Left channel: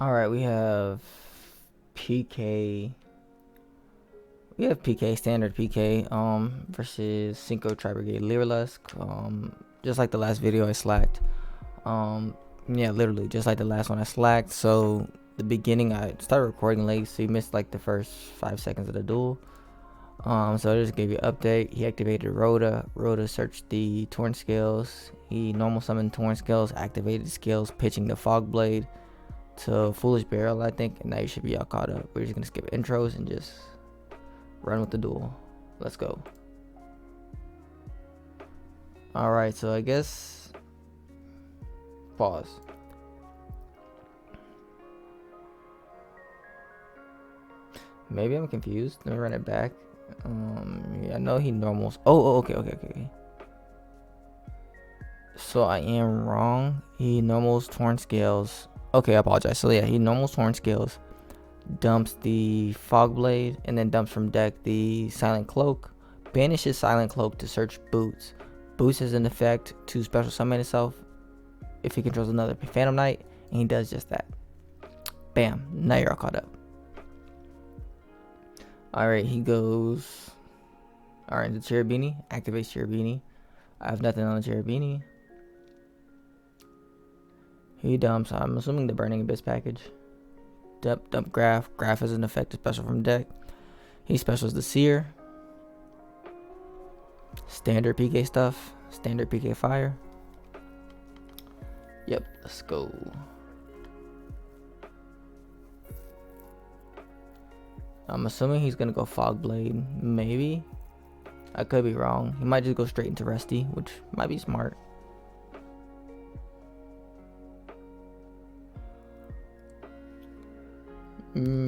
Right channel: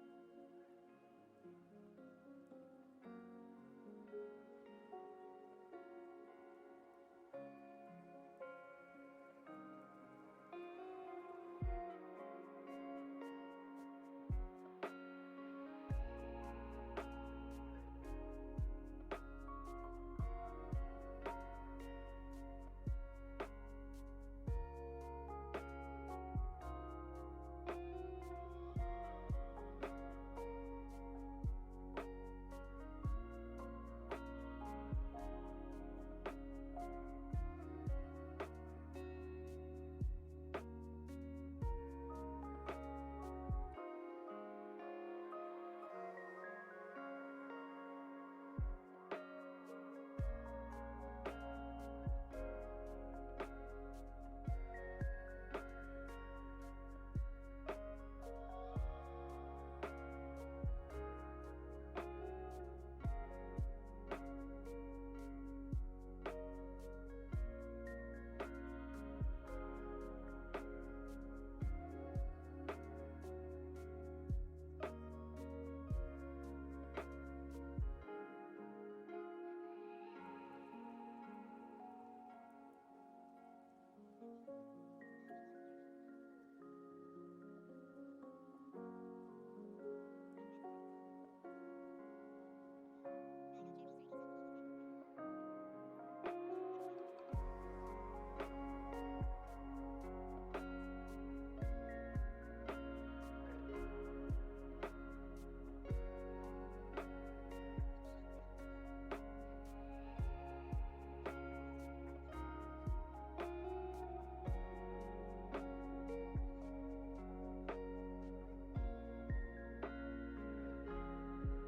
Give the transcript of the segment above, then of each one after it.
Alright, we have PK. We have PK, standard PK, versus Synchro Tribrigade Lyrilusc. Just like the last video I slacked. Yeah, literally, just like the last one I slacked. So, the beginning, I started recording late, so you missed like the first 5 seconds of the duel. So I just gave you an update. He activated Rhoda. Rhoda searched the Torn Scales. He normal summoned Torn Scales, activated Scales, pitching the Fog Blade to Foolish Barrel, I think, and now you should be all caught up. We're just gonna skip intros and just run with the duel. Let's go. Alright, so I guess pause. Maybe I'm confused. Let me run it back. Yeah, I know he normals. Okay. So I am wrong. He normals Torn Scales. Okay, I apologize. So yeah, he normals Torn Scales, dumps the Fog Blade, and then dumps from deck the Silent Cloak. Banishes Silent Cloak to search Boots. Boots has an effect to special summon itself if he controls another Phantom Knight, and he does just that. Bam, now you're all caught up. Alright, he goes. Alright, the Cherubini. Activates Cherubini. I have nothing on the Cherubini. He dumps, I'm assuming the Burning Abyss package. Dump Graph. Graph has an effect special from deck. He specials the Seer. Standard PK stuff. Standard PK Fire. Yep, let's go. I'm assuming he's gonna go Fog Blade. Maybe. I could be wrong. He might just go straight into Rusty, which might be smart.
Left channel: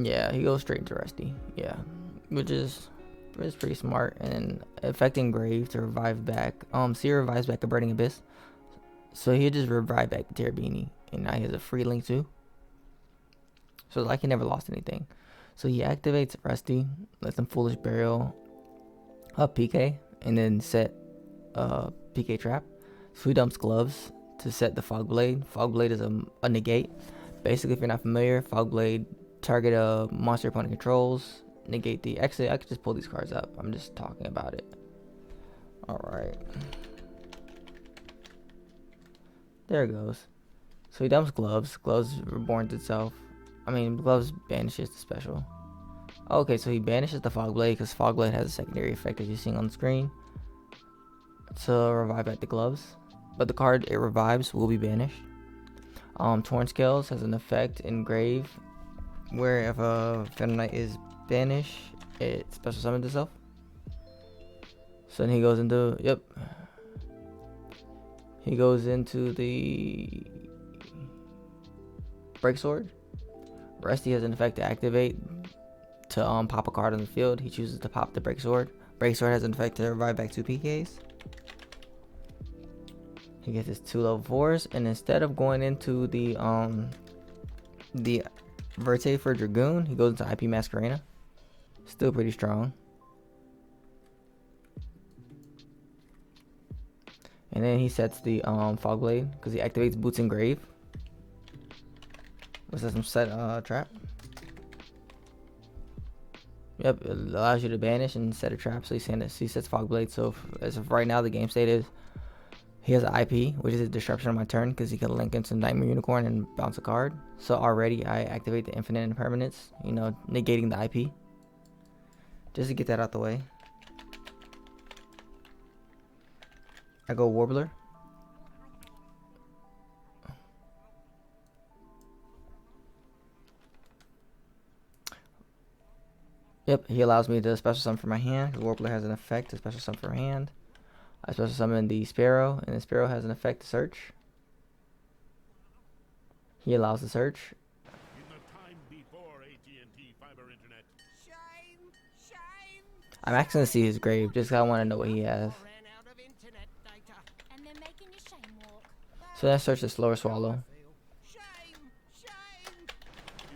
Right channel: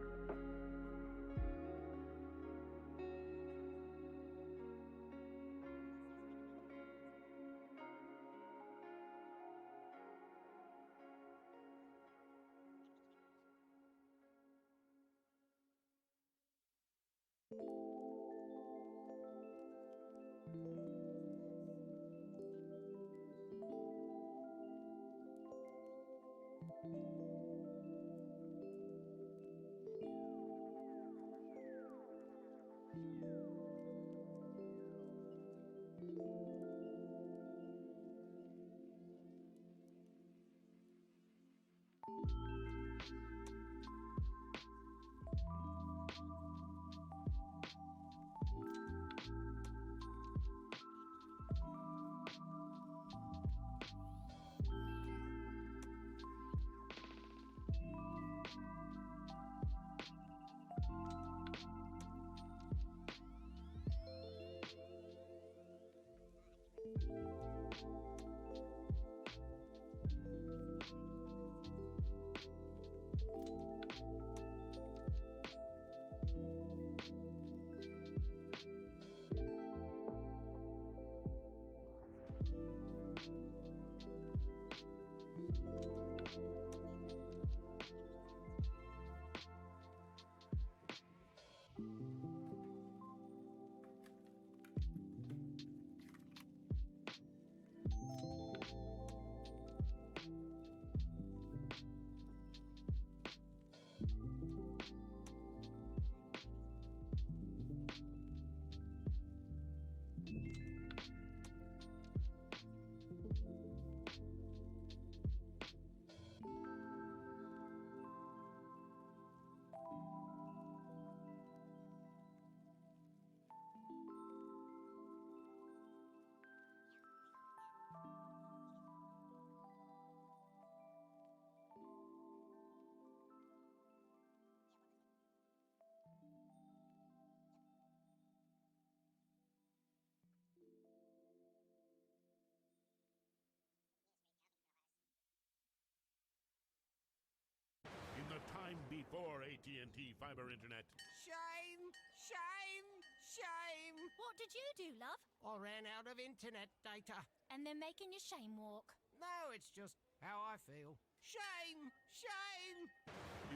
Yeah, he goes straight into Rusty. Yeah, which is pretty smart. And affecting Grave to revive back. Seer revives back a Burning Abyss, so he just revive back the Terabini, and now he has a free link too. So like he never lost anything. So he activates Rusty, lets him Foolish Burial up PK, and then set PK Trap. So he dumps Gloves to set the Fog Blade. Fog Blade is a negate. Basically, if you're not familiar, Fog Blade target a monster opponent controls, negate the exit. I could just pull these cards up. I'm just talking about it. Alright. There it goes. So he dumps Gloves. Gloves reborns itself. Gloves banishes the special. Okay, so he banishes the Fog Blade because Fog Blade has a secondary effect as you're seeing on the screen to revive back the Gloves. But the card it revives will be banished. Torn Scales has an effect in Grave where if a Phantom Knight is banished, it special summons itself. So then he goes into, he goes into the Break Sword. Rusty has an effect to activate to pop a card on the field. He chooses to pop the Break Sword. Break Sword has an effect to revive back 2 PKs. He gets his 2 level 4s, and instead of going into the Verte for Dragoon, he goes into IP Masquerena. Still pretty strong. And then he sets the Fog Blade because he activates Boots and Grave. Which lets him set trap. Yep, it allows you to banish and set a trap. So he sets Fog Blade. So as of right now, the game state is he has an IP, which is a disruption on my turn because he can link into Nightmare Unicorn and bounce a card. So already I activate the Infinite Impermanence, negating the IP. Just to get that out the way. I go Warbler. Yep, he allows me to special summon from my hand. The Warbler has an effect to special summon from hand. I special summon the Sparrow, and the Sparrow has an effect to search. He allows the search. In the time before AT&T fiber internet. Shame. I'm actually gonna see his grave, just 'cause I want to know what he has. And they're making you shame walk. So that search is Slower Swallow. In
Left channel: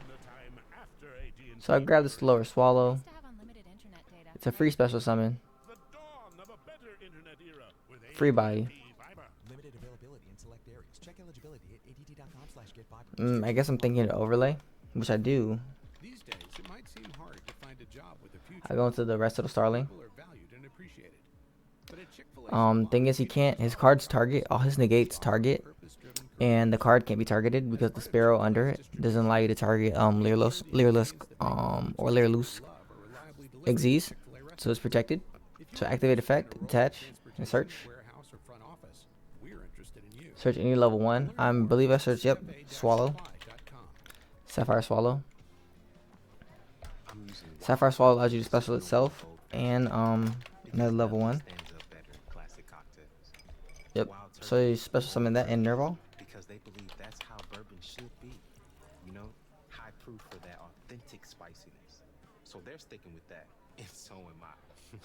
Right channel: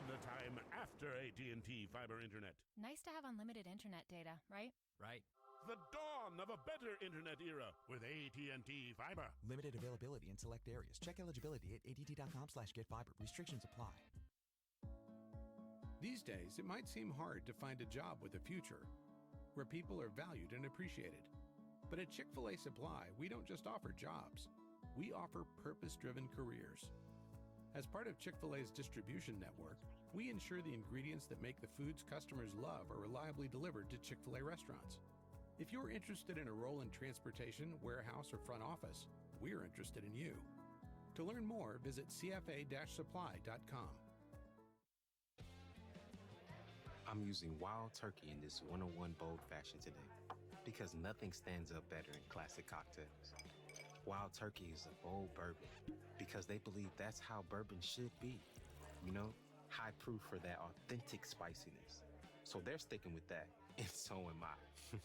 the time after AT&T So I grab the Slower Swallow. Nice to have unlimited internet data. It's a free special summon. The dawn of a better internet era with Free body. AT&T Fiber. Limited availability in select areas. Check eligibility at att.com/getfiber. I guess I'm thinking overlay, which I do. These days, it might seem hard to find a job with a future. I go into the rest of the Starling. People are valued and appreciated. But at Chick-fil-A Thing is, he can't. His cards target. All his negates target, and the card can't be targeted because the sparrow under it doesn't allow you to target Lyrilusc, or Lyrilusc XZs, so it's protected. So activate effect, attach, and search. Search any level 1. I believe I searched, yep, Swallow. Sapphire Swallow. Sapphire Swallow allows you to special itself, and another level 1. Yep, so you special summon that in Nerval. Because they believe that's how bourbon should be. You know, high proof for that authentic spiciness. So they're sticking with that, and so am I.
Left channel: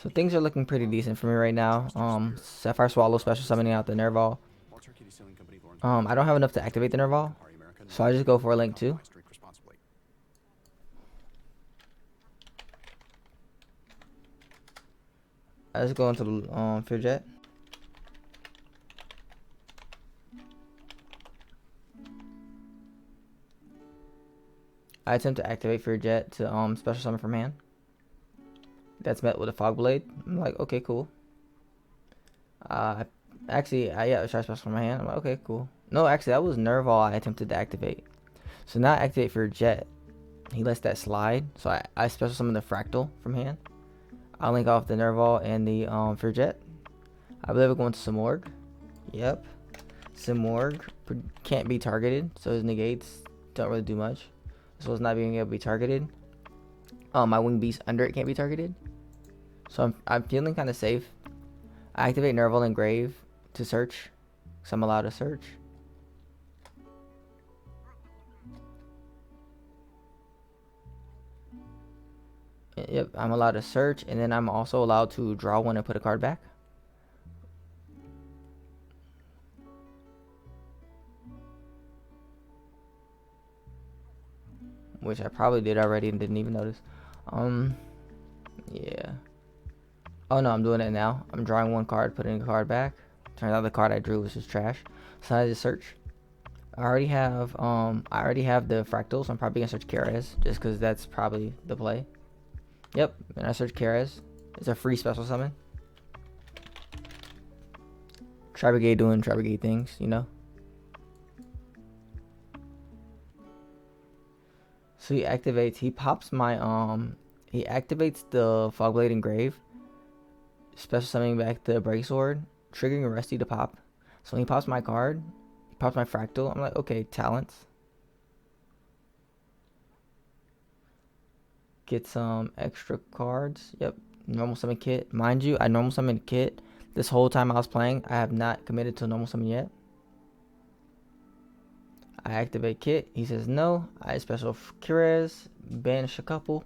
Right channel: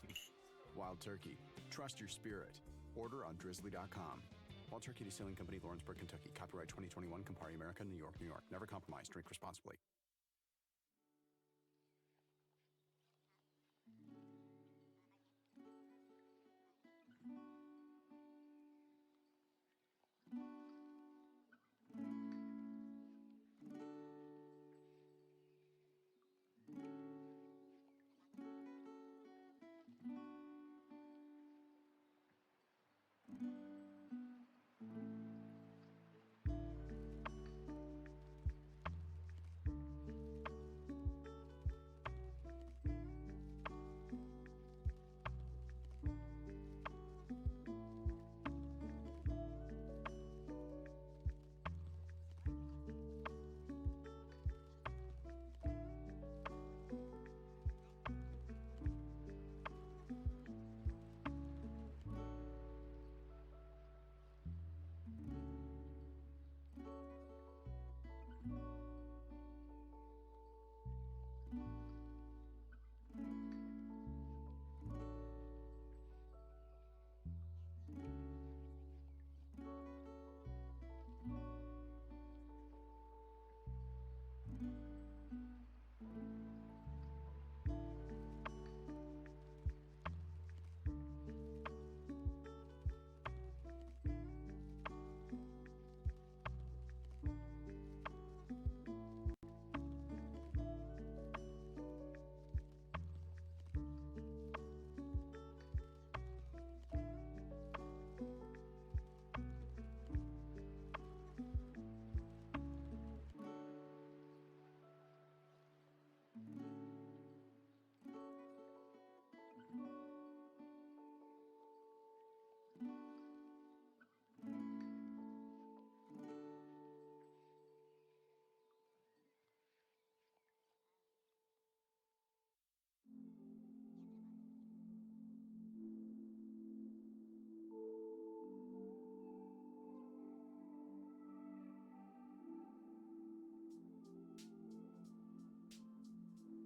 So things are looking pretty decent for me right now. Sapphire Swallow special summoning out the Nerval. I don't have enough to activate the Nerval, so I just go for a Link 2. I just go into the Fear Jet. I attempt to activate Fear Jet to special summon from hand. That's met with a Fog Blade. I'm like, okay, cool. Actually, yeah, I try special from my hand. I'm like, okay, cool. No, actually, that was Nerval I attempted to activate. So now I activate Fear Jet. He lets that slide. So I special summon the Fractal from hand. I'll link off the Nerval and the Fear Jet. I believe we're going to Simorg. Yep. Simorg can't be targeted, so his negates don't really do much. So it's not being able to be targeted. My Wing Beast under it can't be targeted. So I'm feeling kind of safe. I activate Nerval and Grave to search, because I'm allowed to search. Yep, I'm allowed to search, and then I'm also allowed to draw one and put a card back. Which I probably did already and didn't even notice. Yeah. Oh no, I'm doing it now. I'm drawing one card, putting a card back. Turns out the card I drew was just trash. So I just search. I already have the Fractal, so I'm probably gonna search Keres, just because that's probably the play. Yep, and I search Keres. It's a free special summon. Tribrigade doing Tribrigade things, you know. So he activates. He pops my He activates the Fogblade and Grave. Special summoning back the Break Sword, triggering Rusty to pop. So when he pops my card, he pops my Fractal. I'm like, okay, talents. Get some extra cards. Yep, normal summon kit. Mind you, I normal summoned kit this whole time I was playing. I have not committed to normal summon yet. I activate kit. He says no. I special Keres. Banish a couple.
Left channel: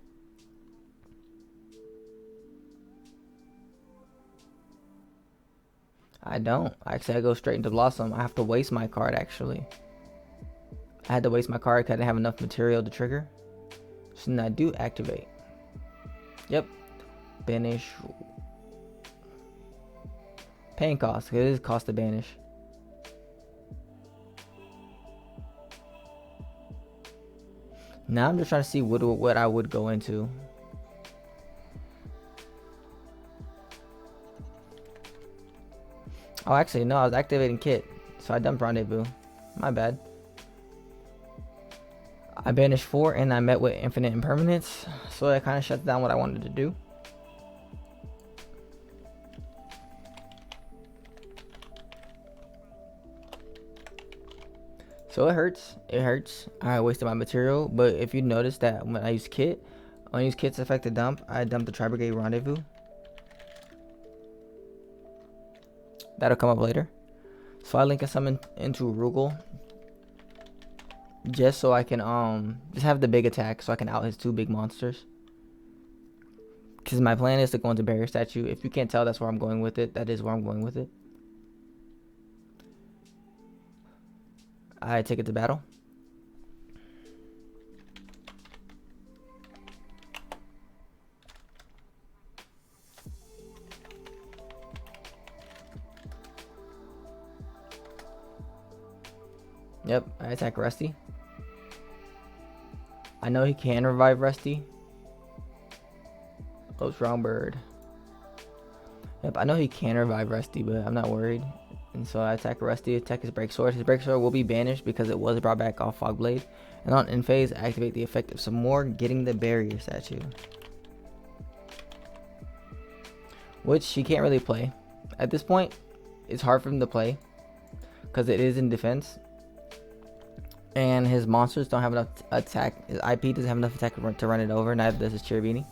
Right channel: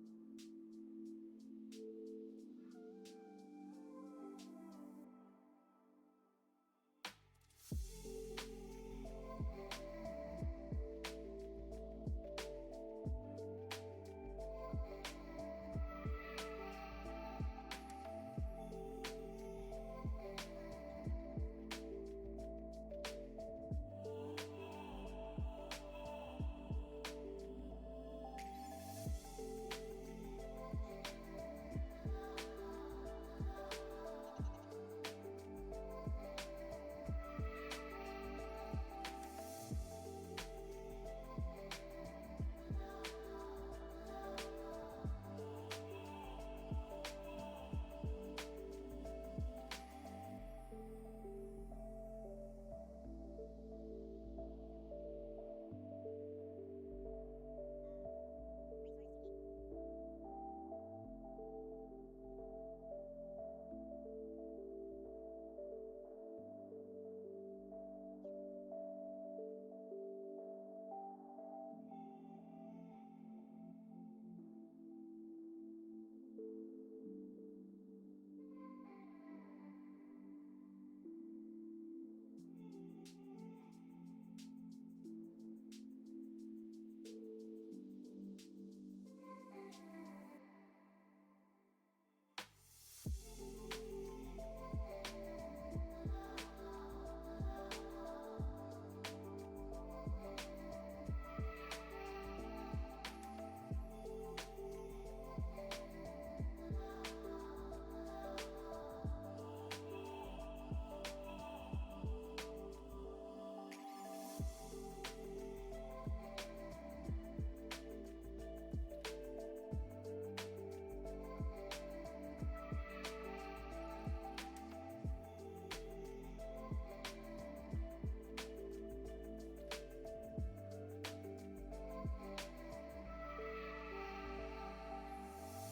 I don't. Actually, I go straight into Blossom. I have to waste my card, actually. I had to waste my card because I didn't have enough material to trigger. So then I do activate. Yep. Banish. Paying cost. It is cost to banish. Now I'm just trying to see what I would go into. Oh, actually, no, I was activating kit. So I dumped Rendezvous. My bad. I banished 4 and I met with infinite impermanence. So that kind of shuts down what I wanted to do. So it hurts. It hurts. I wasted my material. But if you notice that when I use kit, when I use kit's effect to dump, I dumped the Tribrigade Rendezvous. That'll come up later. So I link a summon into Rugal. Just so I can just have the big attack so I can out his 2 big monsters. Because my plan is to go into Barrier Statue. If you can't tell, that's where I'm going with it. That is where I'm going with it. I take it to battle. Yep, I attack Rusty. I know he can revive Rusty. Oh, wrong bird. Yep, I know he can revive Rusty, but I'm not worried. And so I attack Rusty, attack his break sword. His break sword will be banished because it was brought back off Fog Blade. And on end phase, activate the effect of some more, getting the barrier statue. Which he can't really play. At this point, it's hard for him to play because it is in defense. And his monsters don't have enough attack. His IP doesn't have enough attack to run it over. Neither does his Cherubini.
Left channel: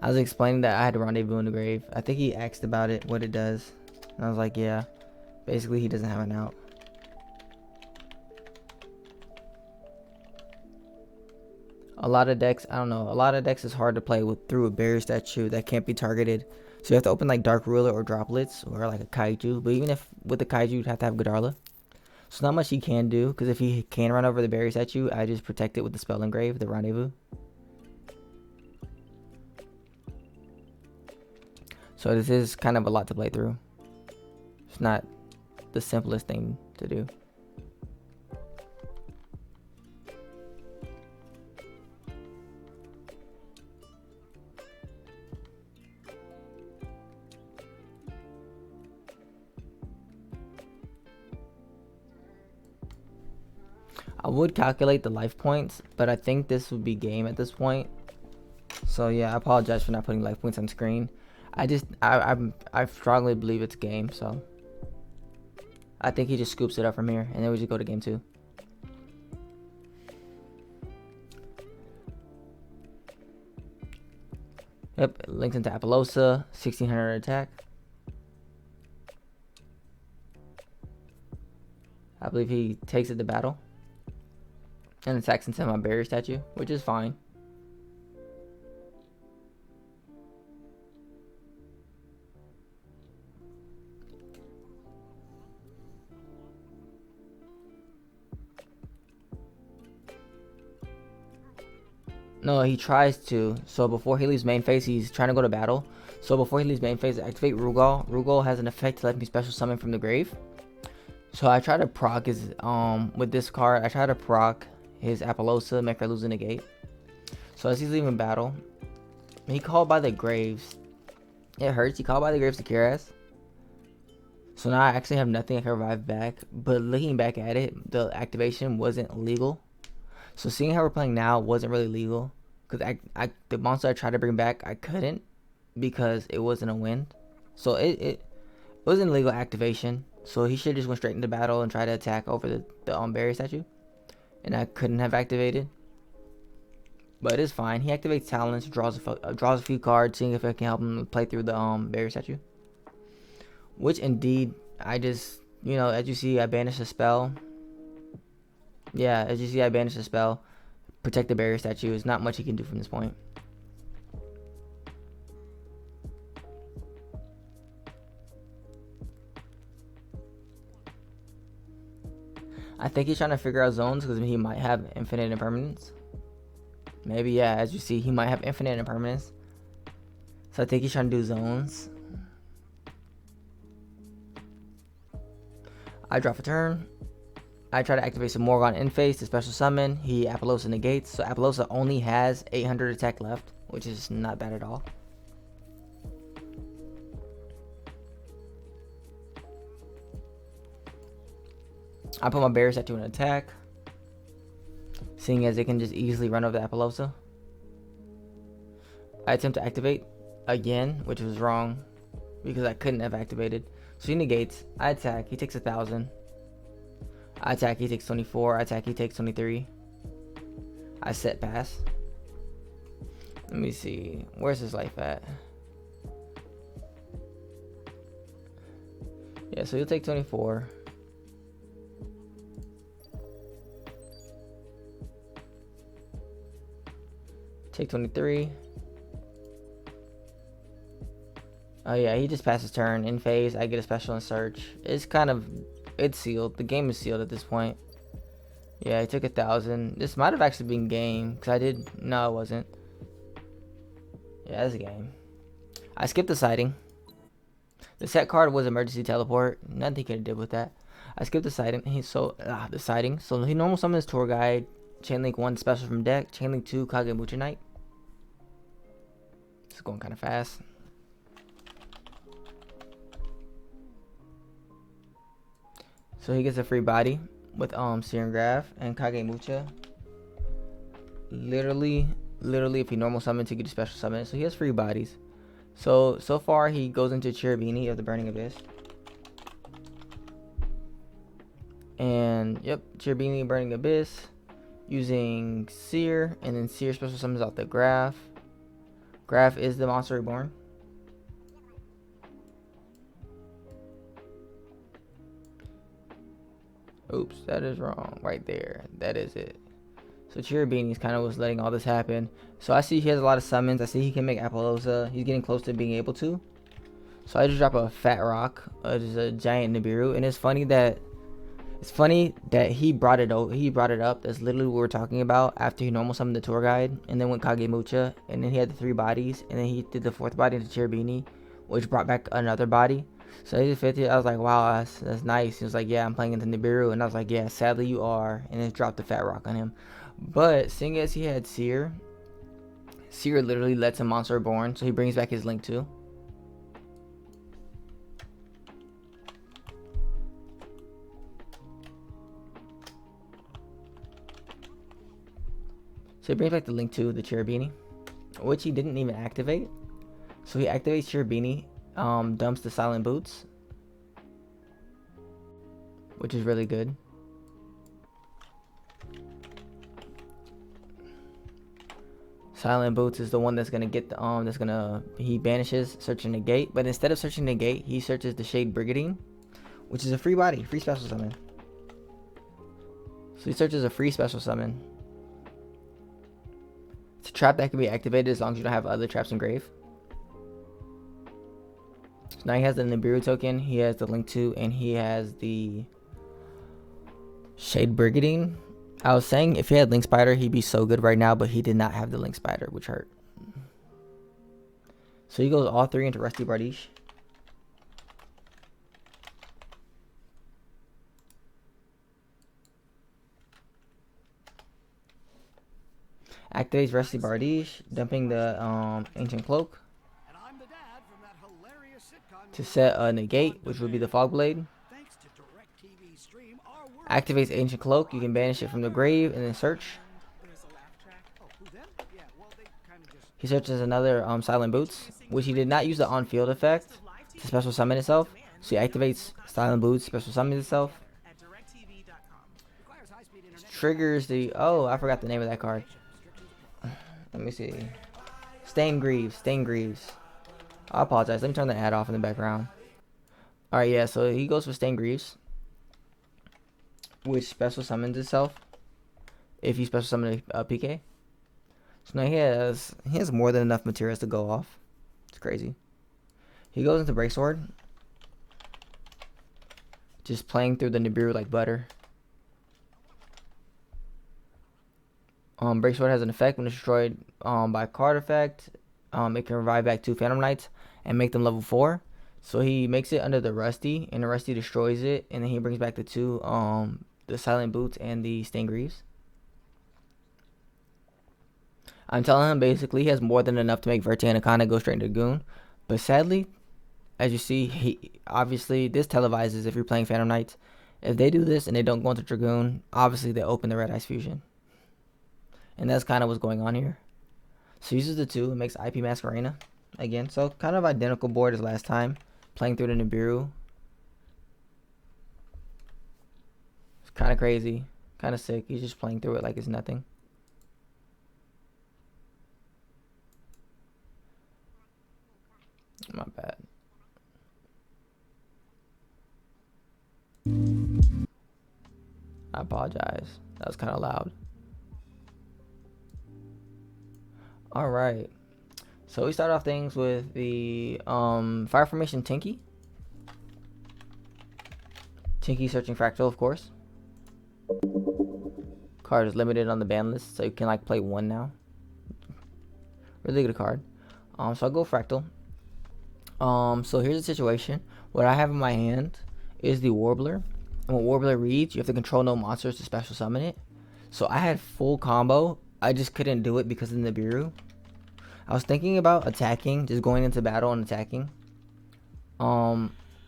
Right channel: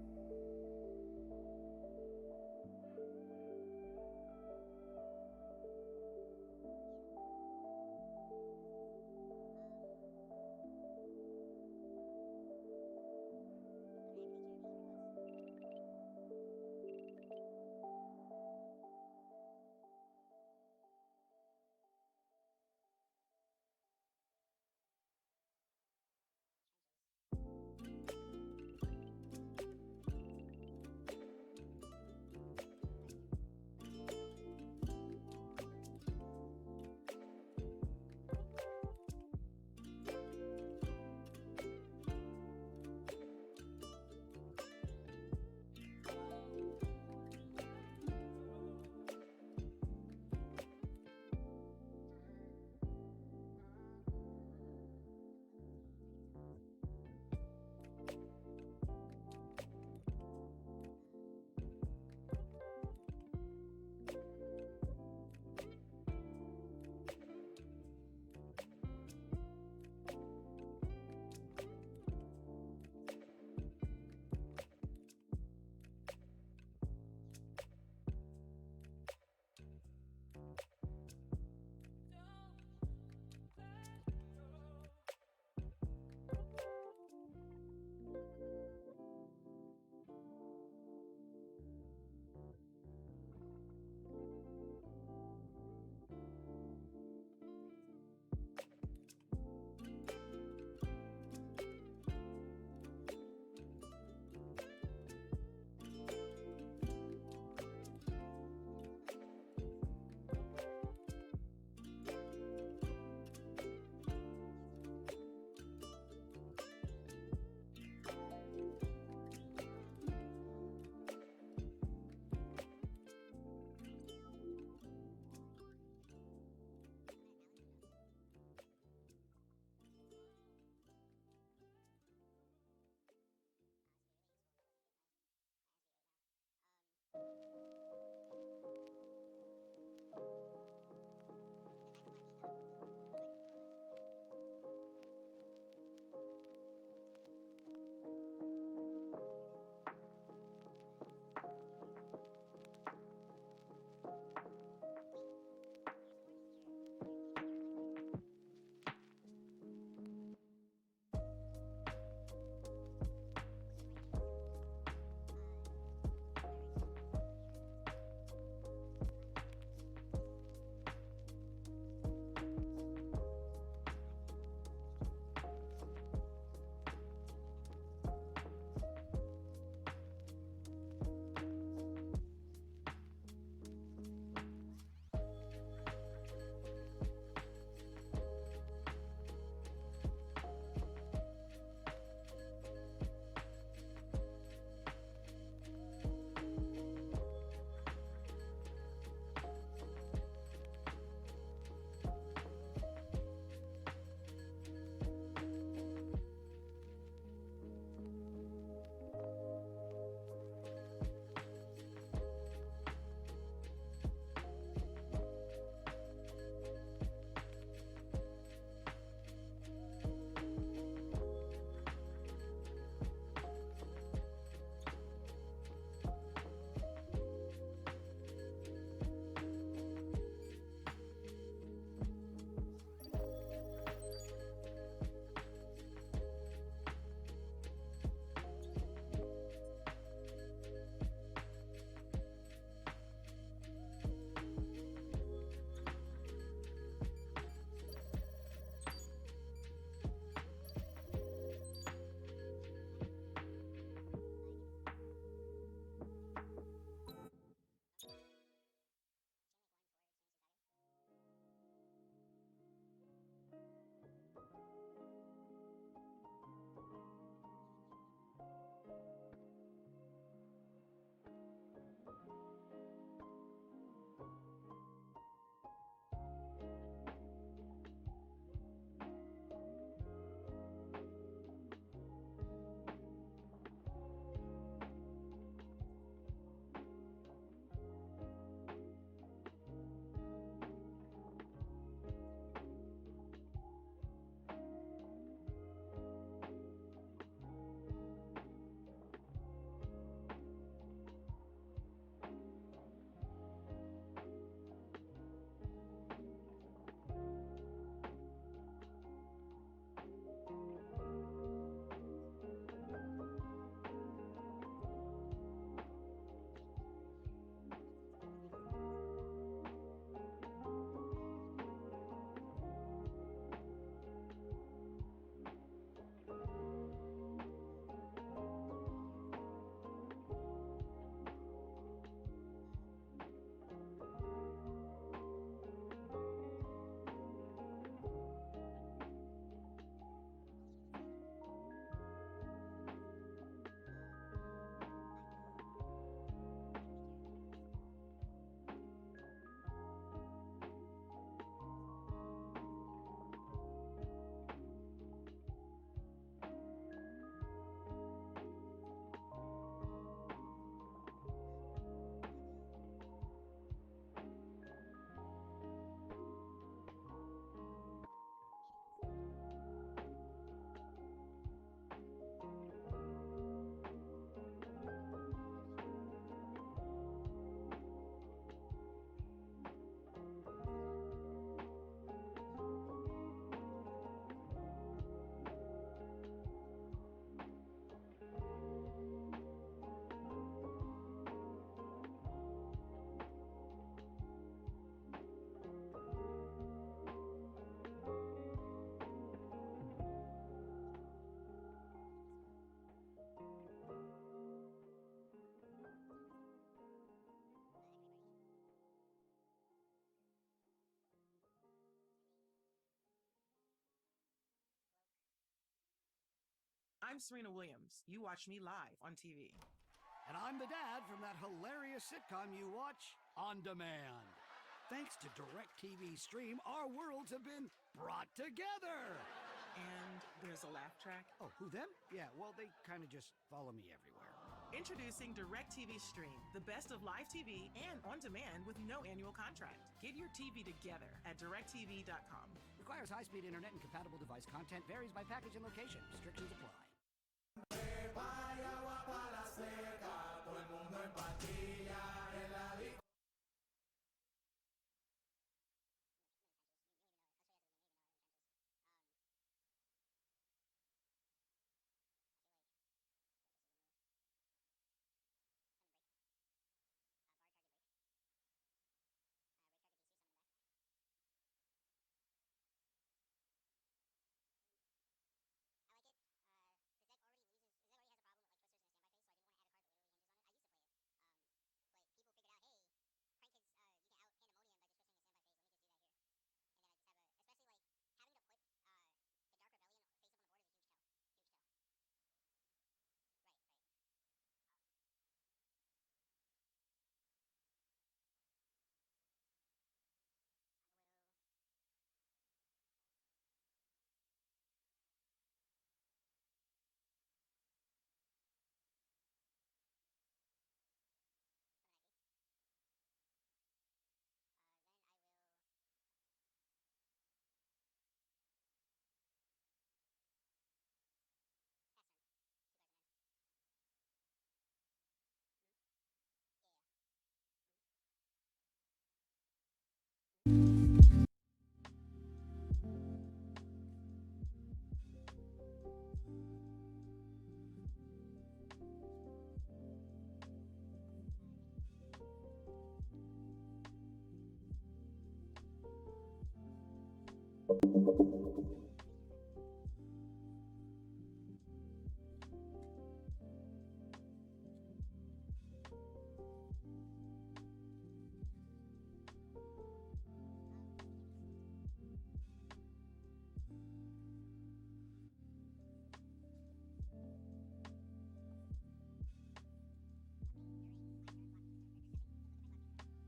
I was explaining that I had a rendezvous in the grave. I think he asked about it, what it does. And I was like, yeah. Basically, he doesn't have an out. A lot of decks, I don't know. A lot of decks is hard to play with through a barrier statue that can't be targeted. So you have to open like Dark Ruler or Droplets or like a Kaiju. But even if with the Kaiju, you'd have to have Godarla. So not much he can do. Because if he can run over the barrier statue, I just protect it with the Spell Engrave, the Rendezvous. So this is kind of a lot to play through. It's not the simplest thing to do. I would calculate the life points, but I think this would be game at this point. So yeah, I apologize for not putting life points on screen. I strongly believe it's game, so I think he just scoops it up from here, and then we just go to game 2. Yep, it links into Apollosa, 1600 attack. I believe he takes it to battle and attacks into my barrier statue, which is fine. No, he tries to. So before he leaves main phase, he's trying to go to battle. So before he leaves main phase, activate Rugal. Rugal has an effect to let me special summon from the grave. So I try to proc his with this card. I try to proc his Apollosa, make her lose a negate. So as he's leaving battle, he called by the graves. It hurts. He called by the graves to cure us. So now I actually have nothing I can revive back. But looking back at it, the activation wasn't legal. So seeing how we're playing now wasn't really legal. Because the monster I tried to bring back, I couldn't. Because it wasn't a win. So it wasn't a legal activation. So he should just went straight into battle and try to attack over the barrier statue. And I couldn't have activated. But it's fine. He activates Talents, draws a few cards, seeing if I can help him play through the barrier statue. Which indeed, I just, as you see, I banished a spell. Yeah, as you see, I banished a spell. Protect the barrier statue. There's not much he can do from this point. I think he's trying to figure out zones because he might have infinite impermanence. Maybe, yeah, as you see, he might have infinite impermanence. So I think he's trying to do zones. I drop a turn. I try to activate some Morgon in phase to special summon. He Apollosa negates. So Apollosa only has 800 attack left, which is not bad at all. I put my barrier statue in attack, seeing as it can just easily run over the Apollosa. I attempt to activate again, which was wrong because I couldn't have activated. So he negates. I attack. He takes 1,000. I attack. He takes 24. I attack. He takes 23. I set pass. Let me see. Where's his life at? Yeah, so he'll take 24. Take 23. Oh yeah, he just passed his turn. In phase, I get a special and search. It's sealed. The game is sealed at this point. Yeah, he took 1,000. This might have actually been game. No, it wasn't. Yeah, it's a game. I skipped the sighting. The set card was emergency teleport. Nothing he could have did with that. I skipped the sighting. The sighting. So he normal summons Tour Guide, Chainlink 1 special from deck, Chainlink 2 Kagemucha Knight. It's going kind of fast. So he gets a free body with Serum Graph and Kagemucha. Literally if he normal summons, he gets a special summon. So he has free bodies. So far he goes into Cherubini of the Burning Abyss. And yep, Cherubini Burning Abyss using Seer, and then Seer special summons out the Graph. Graph is the Monster Reborn. Oops, that is wrong right there. That is it. So Cherubini's kind of was letting all this happen. So I see he has a lot of summons. I see he can make Appaloosa. He's getting close to being able to. So I just drop a Fat Rock, just a giant Nibiru, and it's funny that he brought it up. That's literally what we're talking about after he normal summoned the Tour Guide, and then went Kagemucha, and then he had the 3 bodies, and then he did the 4th body into Cherubini, which brought back another body. So he did 50. I was like, wow, that's nice. He was like, yeah, I'm playing into Nibiru, and I was like, yeah, sadly you are, and then dropped the Fat Rock on him. But seeing as he had Seer literally lets him Monster Reborn, so he brings back his Link 2. So he brings back the Link 2, the Cherubini, which he didn't even activate. So he activates Cherubini, dumps the Silent Boots, which is really good. Silent Boots is the one that's gonna get the he banishes Search and Negate, but instead of searching Negate, he searches the Shade Brigandine, which is a free body, free special summon. So he searches a free special summon. It's a trap that can be activated as long as you don't have other traps in grave. So now he has the Nibiru token, he has the Link 2, and he has the Shade Brigandine. I was saying if he had Link Spider, he'd be so good right now, but he did not have the Link Spider, which hurt. So he goes all 3 into Rusty Bardiche. Activates Rusty Bardiche, dumping the Ancient Cloak And I'm the dad from that hilarious sitcom to set a Negate, which would be the Fog Blade. Thanks to DirecTV Stream, our world Activates Ancient Cloak, you can banish it from the grave and then search. There's a laugh track. Oh, who them? Yeah, well, they kind of just... He searches another Silent Boots, which he did not use the on-field effect to special summon itself. So he activates Silent Boots, special summons itself. At directtv.com. requires high-speed internet. Triggers the... Oh, I forgot the name of that card. Restrictions apply. Let me see. Stain Greaves. I apologize. Let me turn the ad off in the background. Alright, yeah, so he goes for Stain Greaves, which special summons itself if you special summon a PK. So now he has more than enough materials to go off. It's crazy. He goes into Breaksword, just playing through the Nibiru like butter. Breaksword has an effect when destroyed by card effect. It can revive back 2 Phantom Knights and make them level 4. So he makes it under the Rusty, and the Rusty destroys it, and then he brings back the 2 the Silent Boots and the Stain Greaves. I'm telling him basically he has more than enough to make Verte and Akana go straight into Goon. But sadly, as you see, obviously this televises if you're playing Phantom Knights. If they do this and they don't go into Dragoon, obviously they open the Red Eyes Fusion. And that's kind of what's going on here. So he uses the 2 and makes IP Masquerena again. So kind of identical board as last time, playing through the Nibiru. It's kind of crazy, kind of sick. He's just playing through it like it's nothing. My bad. I apologize. That was kind of loud. Alright. So we start off things with the Fire Formation Tinky. Tinky searching Fractal, of course. Card is limited on the ban list, so you can like play 1 now. Really good card. So I'll go Fractal. So here's the situation. What I have in my hand is the Warbler. And when Warbler reads, you have to control no monsters to special summon it. So I had full combo. I just couldn't do it because of the Nibiru. I was thinking about attacking, just going into battle and attacking.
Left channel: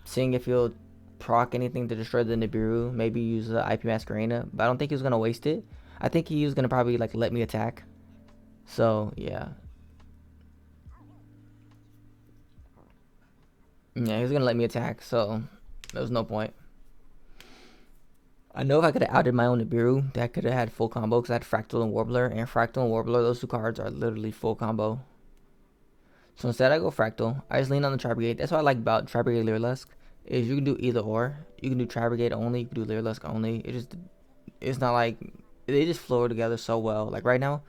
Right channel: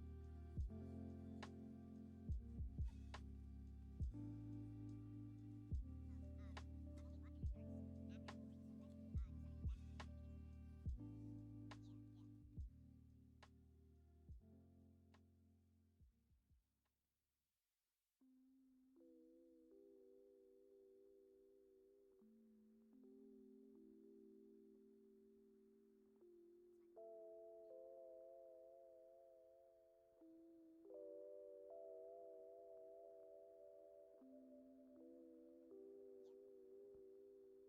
Seeing if he'll proc anything to destroy the Nibiru. Maybe use the IP Masquerena. But I don't think he was gonna waste it. I think he was gonna probably like let me attack. So yeah. Yeah, he was gonna let me attack, so there was no point. I know if I could have outed my own Nibiru, that could have had full combo because I had Fractal and Warbler. And Fractal and Warbler, those two cards are literally full combo. So instead I go Fractal. I just lean on the Tribrigade. That's what I like about Tribrigade Lyrilusc. Is you can do either or. You can do Tribrigade only, you can do Lyrilusc only. It's not like, they just flow together so well. Like right now,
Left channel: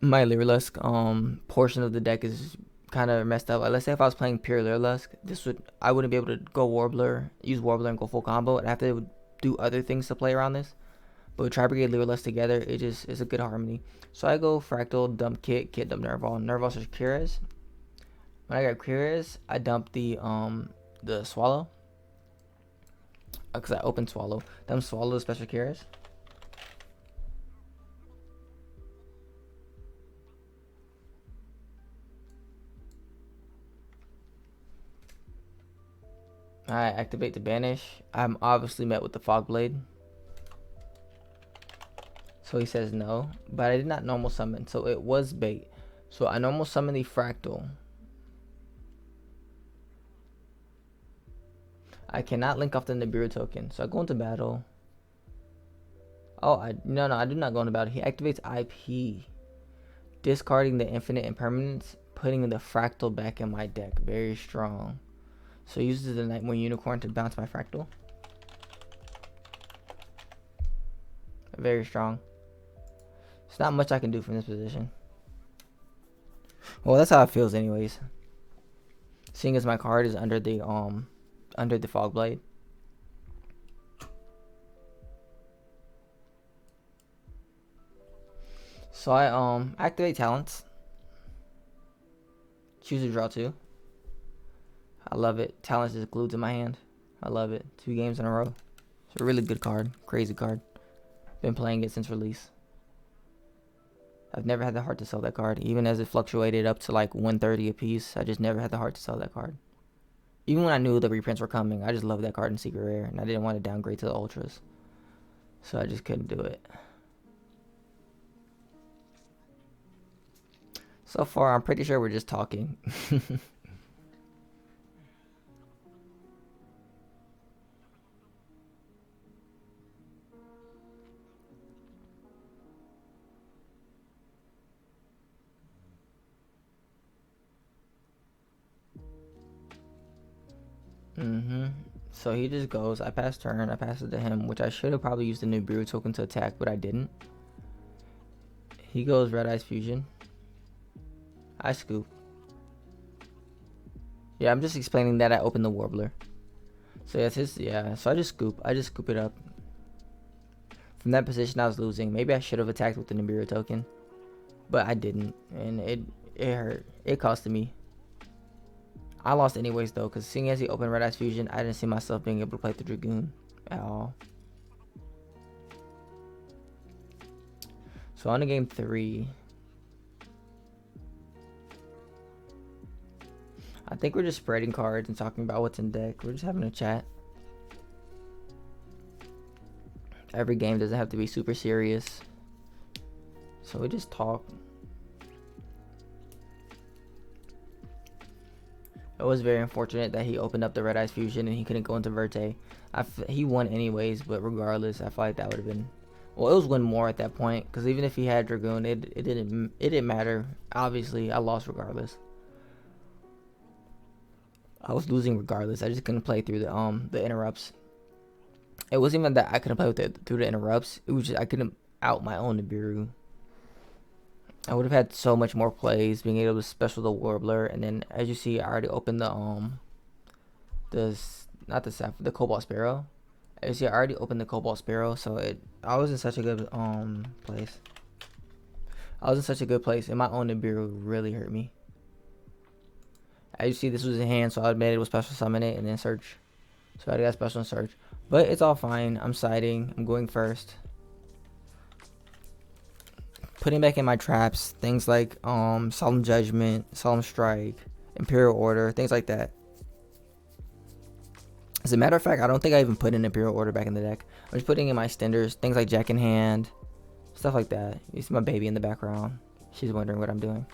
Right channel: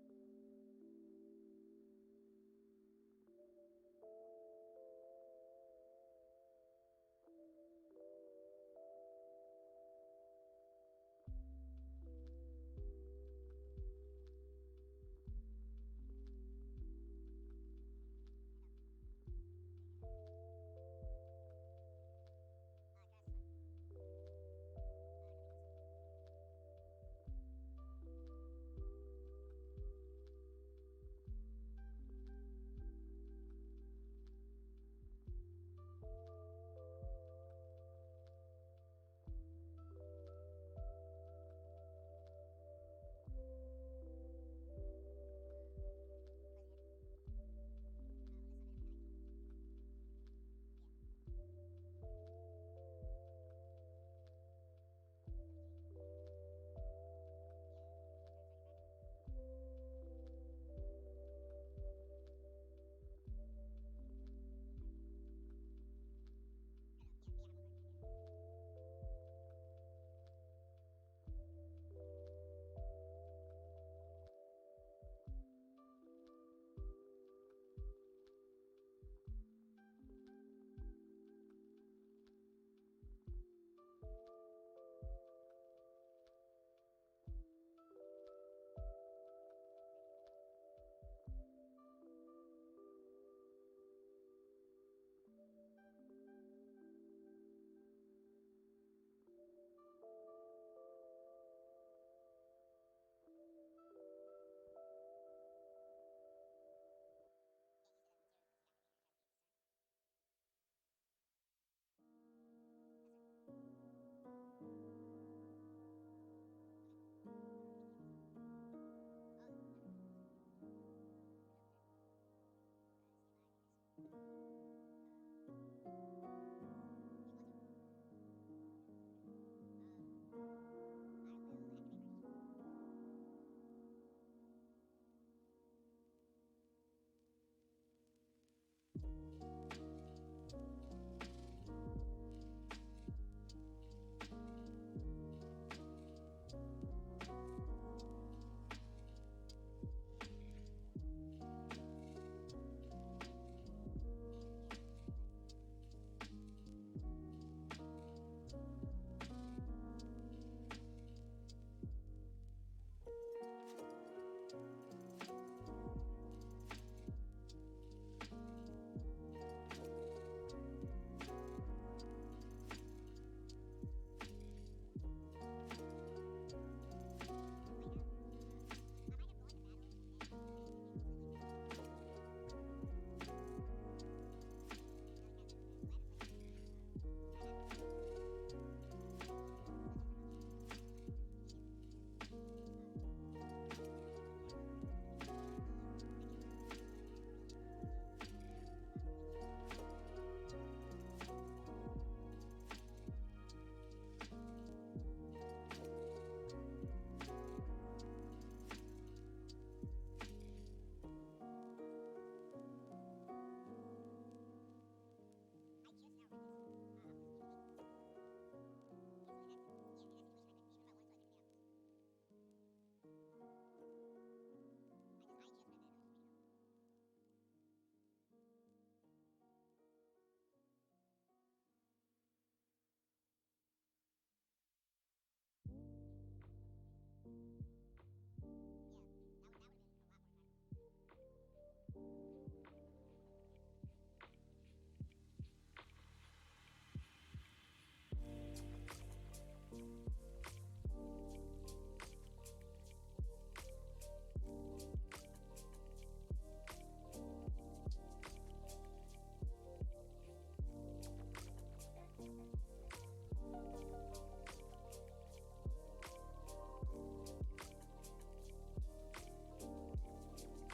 my Lyrilusc portion of the deck is kind of messed up. Like, let's say if I was playing pure Lyrilusc, I wouldn't be able to go Warbler, use Warbler and go full combo, and I have to do other things to play around this. But with Tribrigade Lyrilusc together, it's a good harmony. So I go Fractal, dump Kit dump Nerval. Nerval search Cures. When I got Cures, I dump the Swallow. Because I opened Swallow. Dump Swallow the special Cures. I activate the Banish. I'm obviously met with the Fog Blade. So he says no. But I did not normal summon. So it was bait. So I normal summon the Fractal. I cannot link off the Nibiru token. So I go into battle. Oh, no, I do not go into battle. He activates IP. Discarding the Infinite Impermanence. Putting the Fractal back in my deck. Very strong. So he uses the Nightmare Unicorn to bounce my Fractal. Very strong. There's not much I can do from this position. Well, that's how it feels anyways. Seeing as my card is under the Fog Blade. So I activate talents. Choose to draw 2. I love it. Talents is glued to my hand. I love it. 2 games in a row. It's a really good card. Crazy card. Been playing it since release. I've never had the heart to sell that card. Even as it fluctuated up to like 130 a piece, I just never had the heart to sell that card. Even when I knew the reprints were coming, I just loved that card in Secret Rare, and I didn't want to downgrade to the Ultras. So I just couldn't do it. So far, I'm pretty sure we're just talking. So he just goes, I pass turn, I pass it to him, which I should have probably used the Nibiru token to attack, but I didn't. He goes Red Eyes Fusion. I scoop. Yeah, I'm just explaining that I opened the Warbler. So that's his, yeah, so I just scoop it up. From that position I was losing. Maybe I should have attacked with the Nibiru token, but I didn't, and it hurt. It costed me. I lost anyways though, because seeing as he opened Red Eyes Fusion, I didn't see myself being able to play the Dragoon at all. So on to game 3. I think we're just spreading cards and talking about what's in deck. We're just having a chat. Every game doesn't have to be super serious. So we just talk. It was very unfortunate that he opened up the Red Eyes Fusion and he couldn't go into Verte. He won anyways, but regardless, I feel like that would have been... Well, it was win more at that point, because even if he had Dragoon, it didn't matter. Obviously, I lost regardless. I was losing regardless. I just couldn't play through the interrupts. It wasn't even that I couldn't play with it through the interrupts. It was just I couldn't out my own Nibiru. I would have had so much more plays, being able to special the Warbler, and then as you see, I already opened the Cobalt Sparrow. As you see, I already opened the Cobalt Sparrow, so I was in such a good place. I was in such a good place, and my own Nibiru really hurt me. As you see, this was in hand, so I made it with special summon it and then search. So I got special and search. But it's all fine. I'm siding. I'm going first. Putting back in my traps, things like Solemn Judgment, Solemn Strike, Imperial Order, things like that. As a matter of fact, I don't think I even put in Imperial Order back in the deck. I'm just putting in my Stenders, things like Jack in Hand, stuff like that. You see my baby in the background. She's wondering what I'm doing.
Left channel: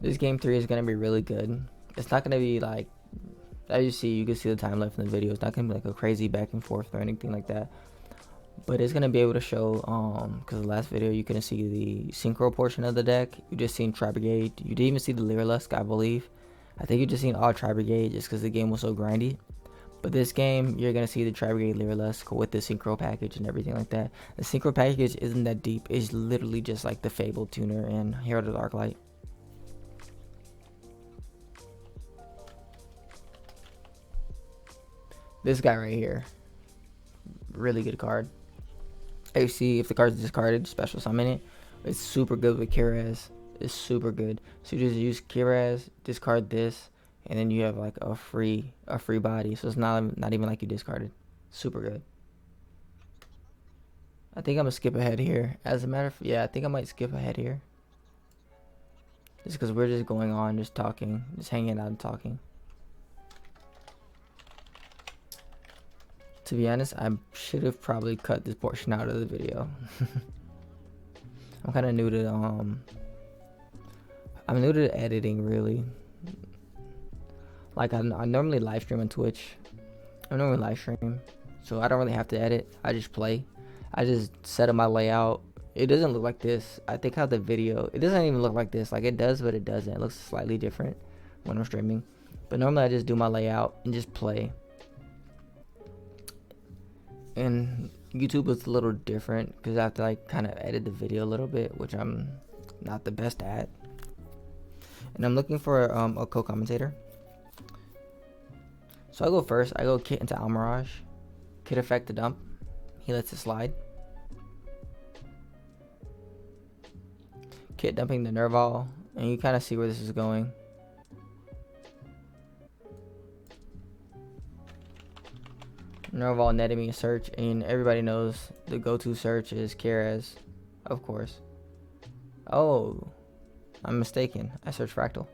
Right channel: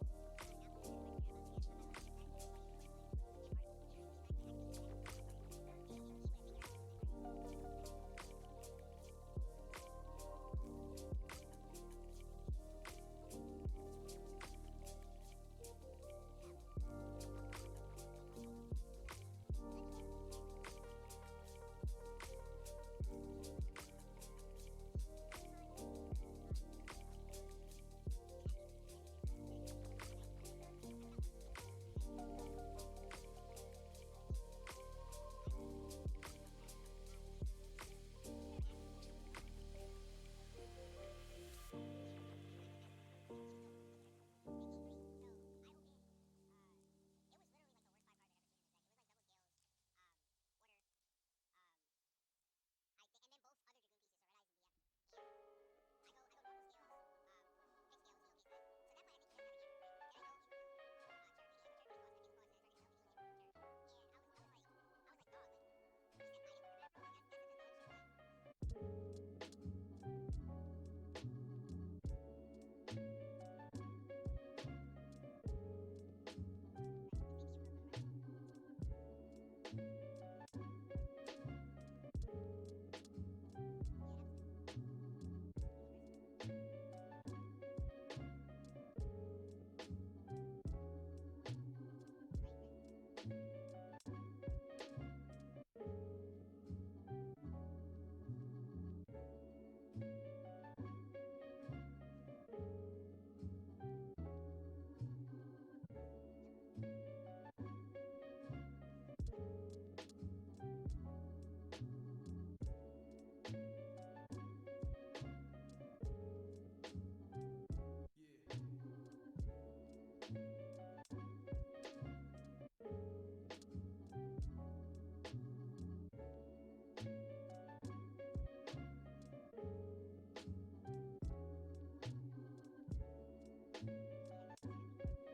This game 3 is going to be really good. It's not going to be like, as you can see the time left in the video. It's not going to be like a crazy back and forth or anything like that. But it's going to be able to show, because the last video you couldn't see the synchro portion of the deck. You just seen Tribrigade. You didn't even see the Lyrilusc, I believe. I think you just seen all Tribrigade just because the game was so grindy. But this game, you're going to see the Tribrigade Lyrilusc with the synchro package and everything like that. The synchro package isn't that deep. It's literally just like the Fable Tuner and Herald of the Arclight. This guy right here, really good card. You see, if the card's discarded, special summon it. It's super good with Kiraz. It's super good. So you just use Kiraz, discard this, and then you have like a free body. So it's not even like you discarded. Super good. I think I'm gonna skip ahead here. As a matter of I think I might skip ahead here. Just because we're just going on, just talking, just hanging out and talking. To be honest, I should have probably cut this portion out of the video. I'm kind of new to I'm new to editing, really. Like I normally live stream on Twitch. I normally live stream, so I don't really have to edit. I just play. I just set up my layout. It doesn't look like this. I think how the video, it doesn't even look like this. Like it does, but it doesn't. It looks slightly different when I'm streaming. But normally I just do my layout and just play. And YouTube is a little different because I have to like kind of edit the video a little bit, which I'm not the best at. And I'm looking for a co-commentator. So I go first. I go Kit into Almirage. Kit effect to dump. He lets it slide. Kit dumping the Nerval, and you kind of see where this is going. Nerval netted me a search, and everybody knows the go-to search is Kiraz, of course. Oh, I'm mistaken. I searched Fractal.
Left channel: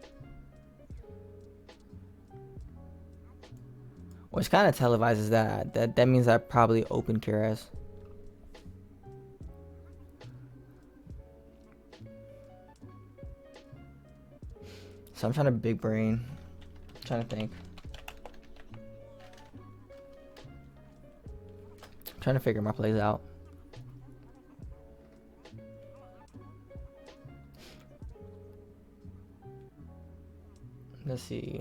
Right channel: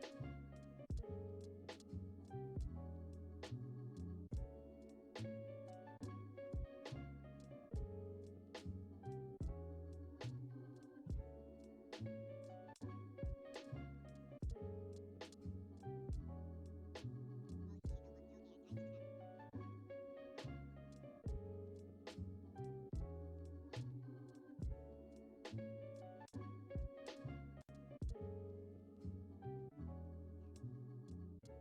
Which kind of televises that means I probably opened Kiraz. So I'm trying to big brain. I'm trying to think. Trying to figure my plays out. Let's see.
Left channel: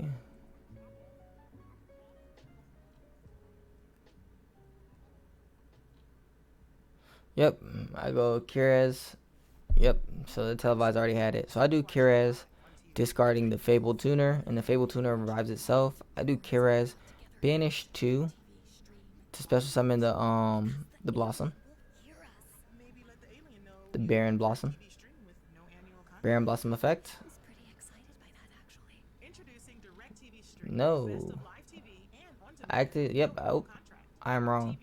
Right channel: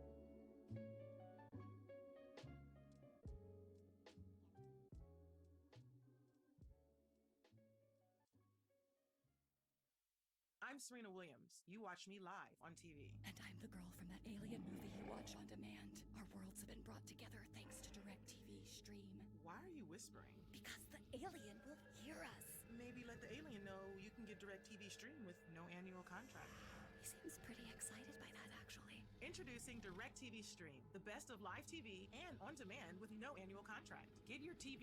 Yep, I go Kiraz. Yep, so the televised already had it. So I do Kiraz, discarding the Fable Tuner, and the Fable Tuner revives itself. I do Kiraz, banish 2 to special summon the Blossom. The Baron Blossom. Baron Blossom effect. No. Active. Yep. Oh, I'm wrong.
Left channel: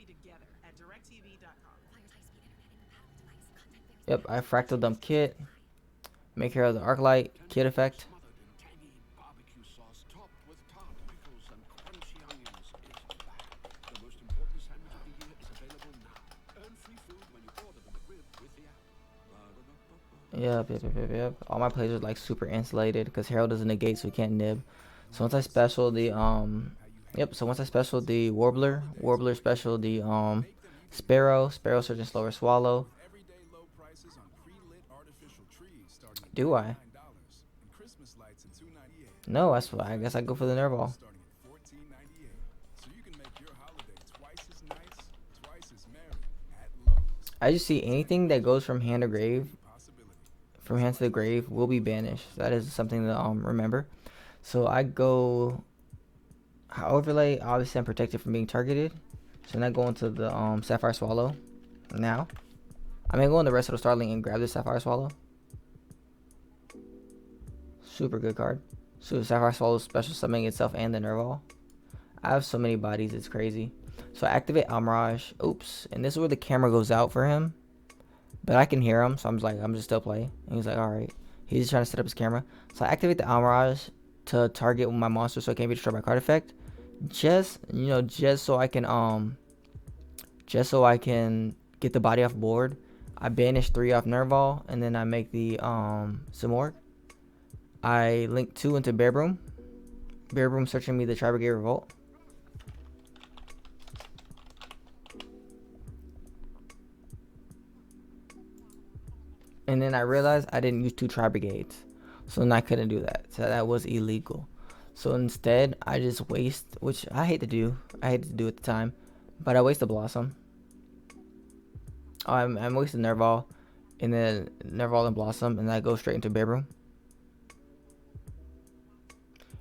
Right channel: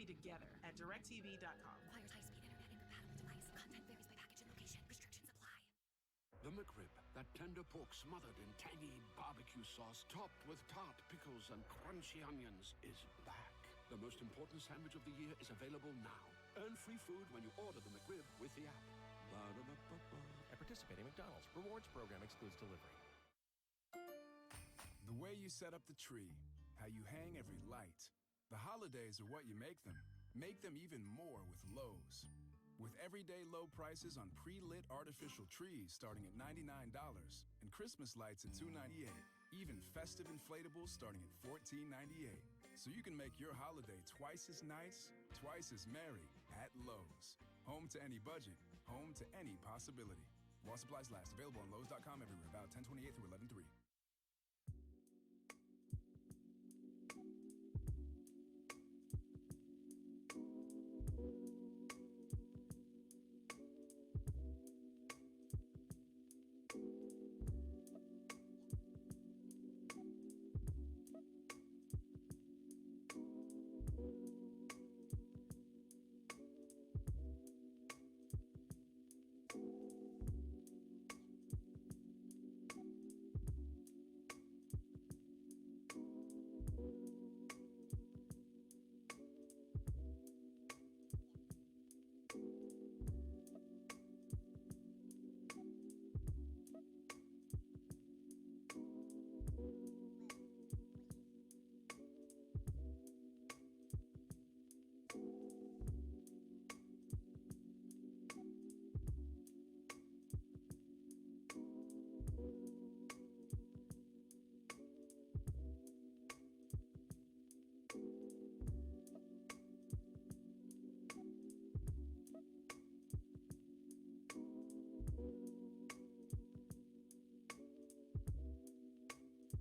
Yep. I fractal dump Kit. Make care of the Arclight. Kit effect. Smothered in tangy barbecue sauce, topped with tart pickles and crunchy onions is back. The most important sandwich of the year is available now. Earn free food when you order the McRib with the app. Yep. All my plays are like super insulated because Herald doesn't negate, so he can't nib. So once I special the Warbler special the Sparrow search and slower swallow. Do I? Christmas lights in $2.98. No, that's why. I guess I go for the Nerval. Starting at $14.98. So you can make your holiday twice as nice, twice as merry at Lowe's. I just see anything that goes from hand to grave, from hand to the grave, will be banished. That is something to remember. So I go overlay. Obviously, I'm protected from being targeted. So then I go into the Sapphire Swallow. Now, I'm gonna go in the rest of the Starling and grab the Sapphire Swallow. Super good card. So Sapphire Swallow special summoning itself and the Nerval. I have so many bodies, it's crazy. So I activate Almirage. Oops. And this is where the camera goes out for him. But I can hear him, so I'm just like, I'm just still playing. And he's like, alright. He's just trying to set up his camera. So I activate the Almirage to target my monster so it can't be destroyed by card effect. Just so I can get the body off board. I banish 3 off Nerval, and then I make the Simorg. I link 2 into Bear Broom. Bear Broom searching me the Tribrigade Revolt. And then I realized I didn't use 2 Tribrigades. So then I couldn't do that. So that was illegal. So instead, I just waste, which I hate to do. I hate to do at the time. But I waste the Blossom. I'm wasting Nerval. And then Nerval and Blossom. And I go straight into Bear Broom.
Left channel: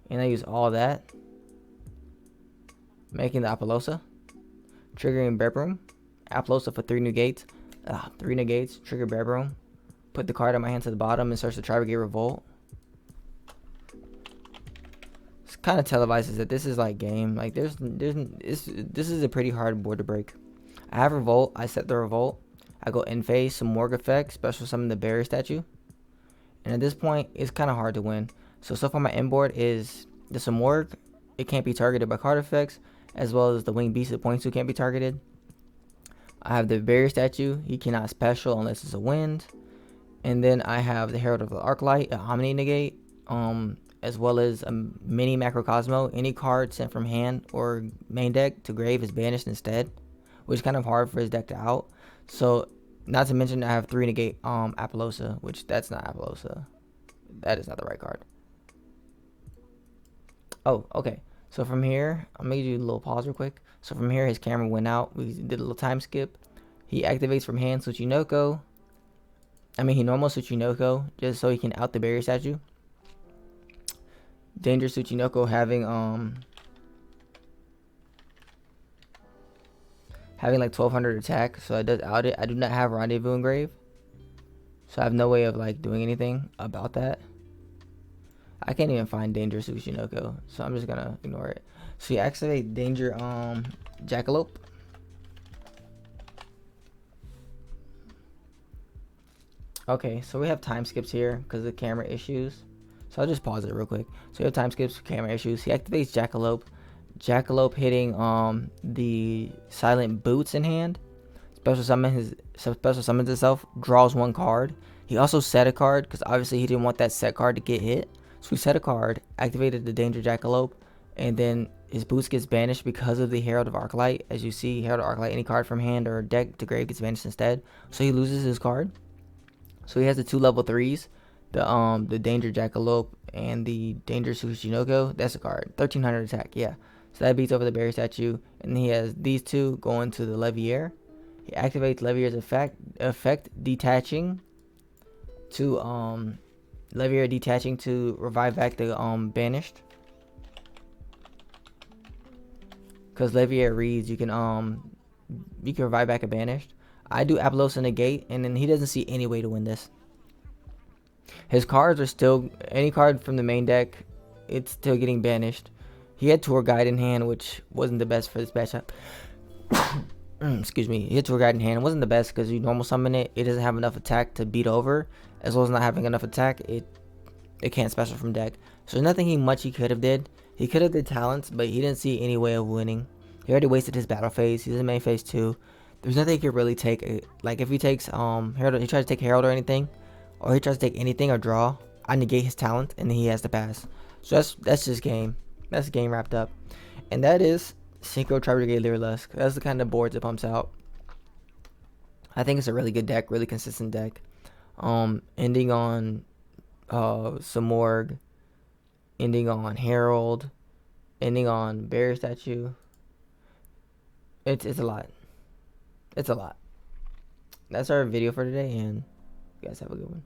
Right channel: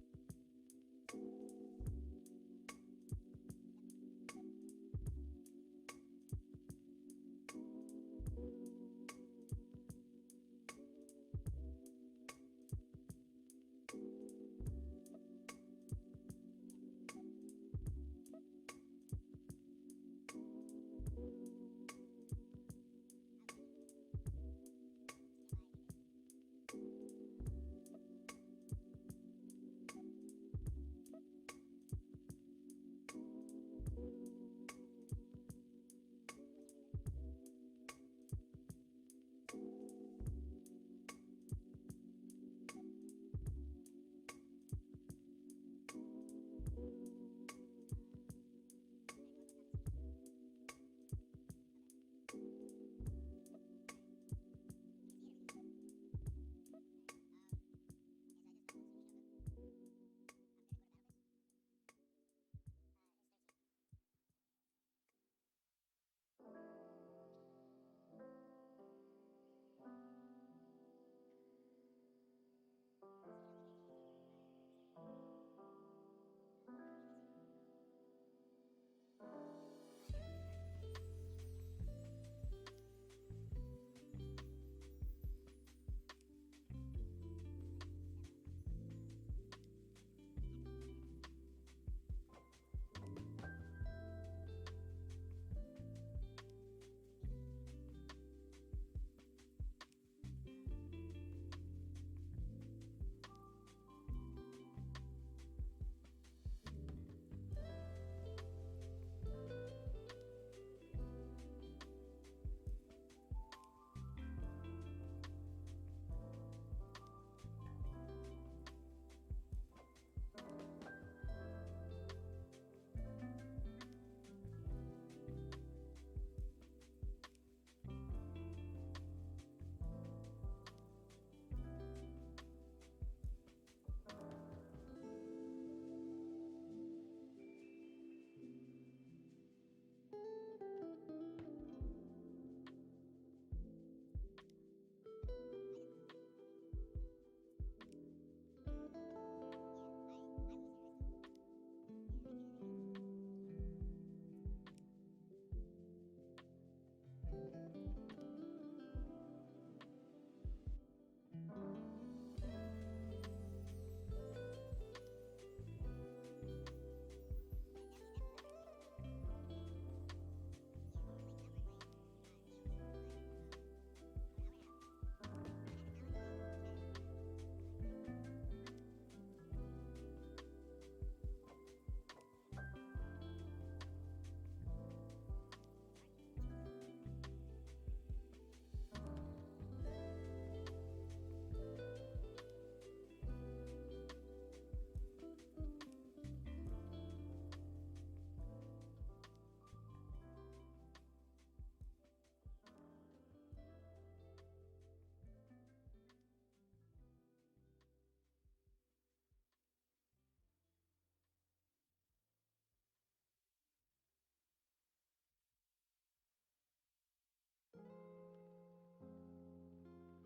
And I use all that. Making the Apollosa. Triggering Bear Broom. Apollosa for 3 negates. 3 negates. Trigger Bear Broom. Put the card in my hand to the bottom and search the Tribrigade Revolt. This kind of televises that this is like game. Like this is a pretty hard board to break. I have Revolt. I set the Revolt. I go in phase, some Morg effect, special summon the Barrier Statue. And at this point, it's kind of hard to win. So far my end board is the Simorg. It can't be targeted by card effects, as well as the Winged Beast at point 2 can't be targeted. I have the Barrier Statue. He cannot special unless it's a wind. And then I have the Herald of the Arclight, a Omni negate, as well as a mini Macrocosmo. Any card sent from hand or main deck to grave is banished instead, which is kind of hard for his deck to out. So, not to mention I have 3 negate Apollosa, which that's not Apollosa. That is not the right card. Oh, okay. So from here, I'm going to do a little pause real quick. So from here, his camera went out. We did a little time skip. He activates from hand Tsuchinoko. He normal Tsuchinoko just so he can out the Barrier Statue. Danger Tsuchinoko having like 1200 attack, so it does out it. I do not have Rendezvous engraved, so I have no way of like doing anything about that. I can't even find Danger Tsuchinoko, so I'm just gonna ignore it. So you activate Danger Jackalope. Okay, so we have time skips here because of camera issues. So I'll just pause it real quick. So we have time skips for camera issues. He activates Jackalope. Jackalope hitting the Silent Boots in hand. Special summons itself. Draws 1 card. He also set a card because obviously he didn't want that set card to get hit. So we set a card, activated the Danger Jackalope, and then his boots gets banished because of the Herald of Arclight. As you see, Herald of Arclight, any card from hand or deck to grave gets banished instead. So he loses his card. So he has the 2 level 3s, the Danger Jackalope and the Danger Tsuchinoko. That's a card. 1300 attack, yeah. So that beats over the Barrier Statue. And he has these 2 going to the Levier. He activates Levier's effect detaching to Levier detaching to revive back the banished. Because Levier reads you can revive back a banished. I do Apollosa negate, and then he doesn't see any way to win this. His cards are still, any card from the main deck, it's still getting banished. He had Tour Guide in hand, which wasn't the best for this matchup. Excuse me. He had Tour Guide in hand. It wasn't the best because you normal summon it. It doesn't have enough attack to beat over. As well as not having enough attack, it can't special from deck. So there's nothing much he could have did. He could have did talents, but he didn't see any way of winning. He already wasted his battle phase. He's in main phase 2. There's nothing he could really take. Like if he takes Herald, he tries to take Herald or anything, or he tries to take anything or draw, I negate his talent and then he has to pass. So that's just game. That's the game wrapped up. And that is Synchro Tribrigade Lyrilusc. That's the kind of boards it pumps out. I think it's a really good deck, really consistent deck. Ending on Simorg, ending on Harold, ending on Bear statue. It's a lot. It's a lot. That's our video for today, and you guys have a good one.